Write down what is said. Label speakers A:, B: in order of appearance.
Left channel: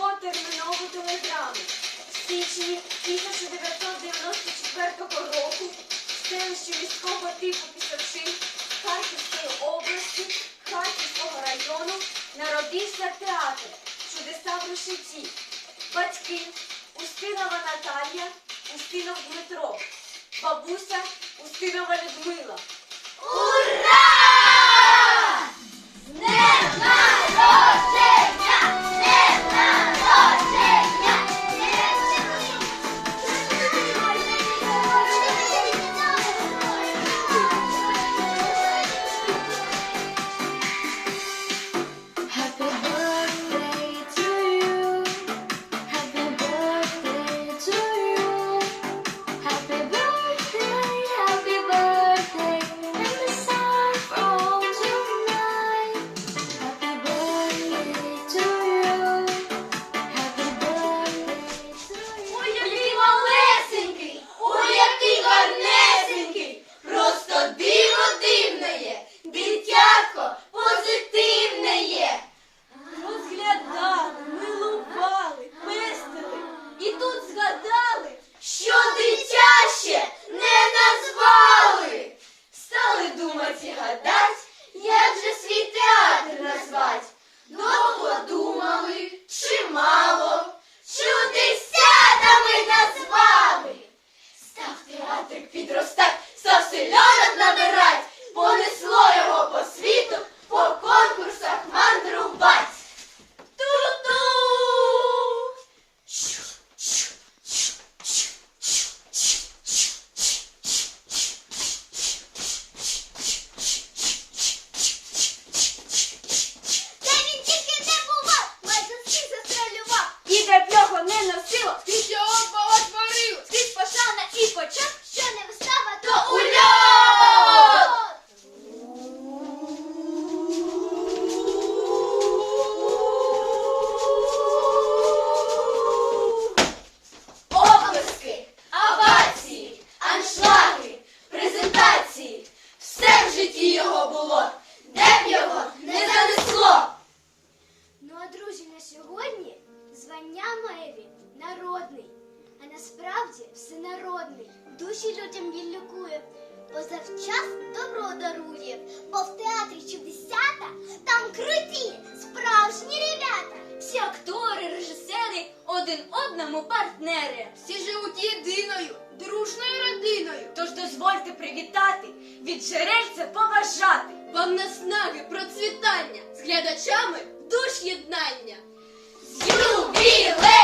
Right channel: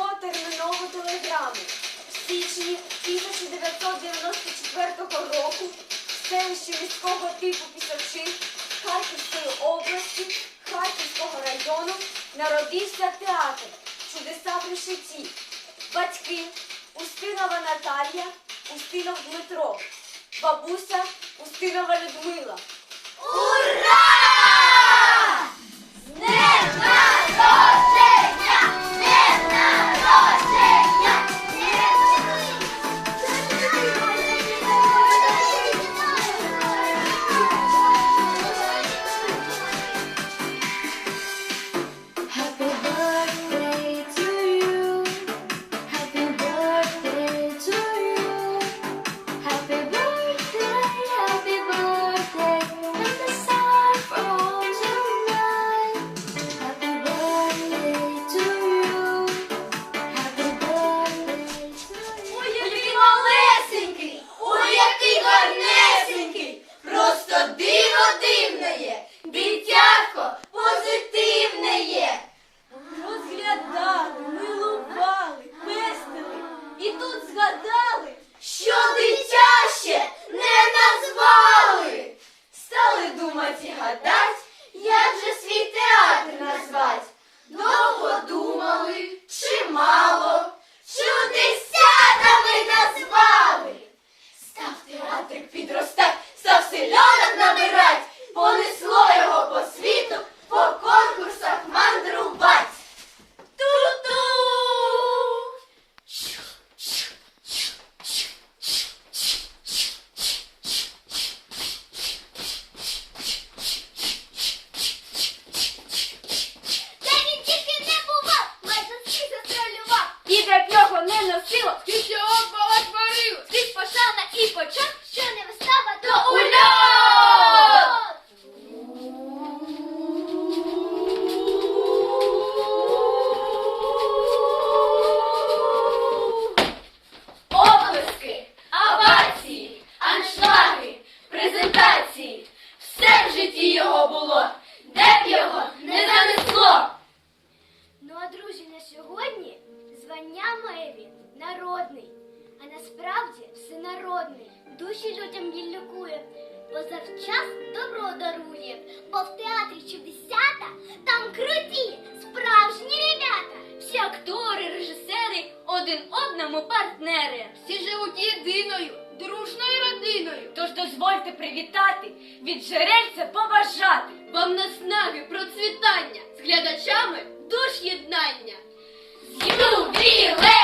A: Термінову телеграму. В січні 1994 року в селищі міського типу Пісачі Харківської області Харківського району народився театр Чудеса при житті. Батьки Устинова Наталія, Устинов Дмитро, бабуся Устинова Людмила.
B: Ура!
C: Всенародний. Душі людям він лікує, бо завчас добро дарує. Бо в театрі чудесята там круті, справжні ребята.
A: Всі актори, режисери один одному партнери.
B: Всі живуть єдиною, дружною родиною.
A: Тож дозвольте привітати, від джерельця побажати.
B: Вам наснаги, процвітання, з глядачами душ єднання. З ювілеєм!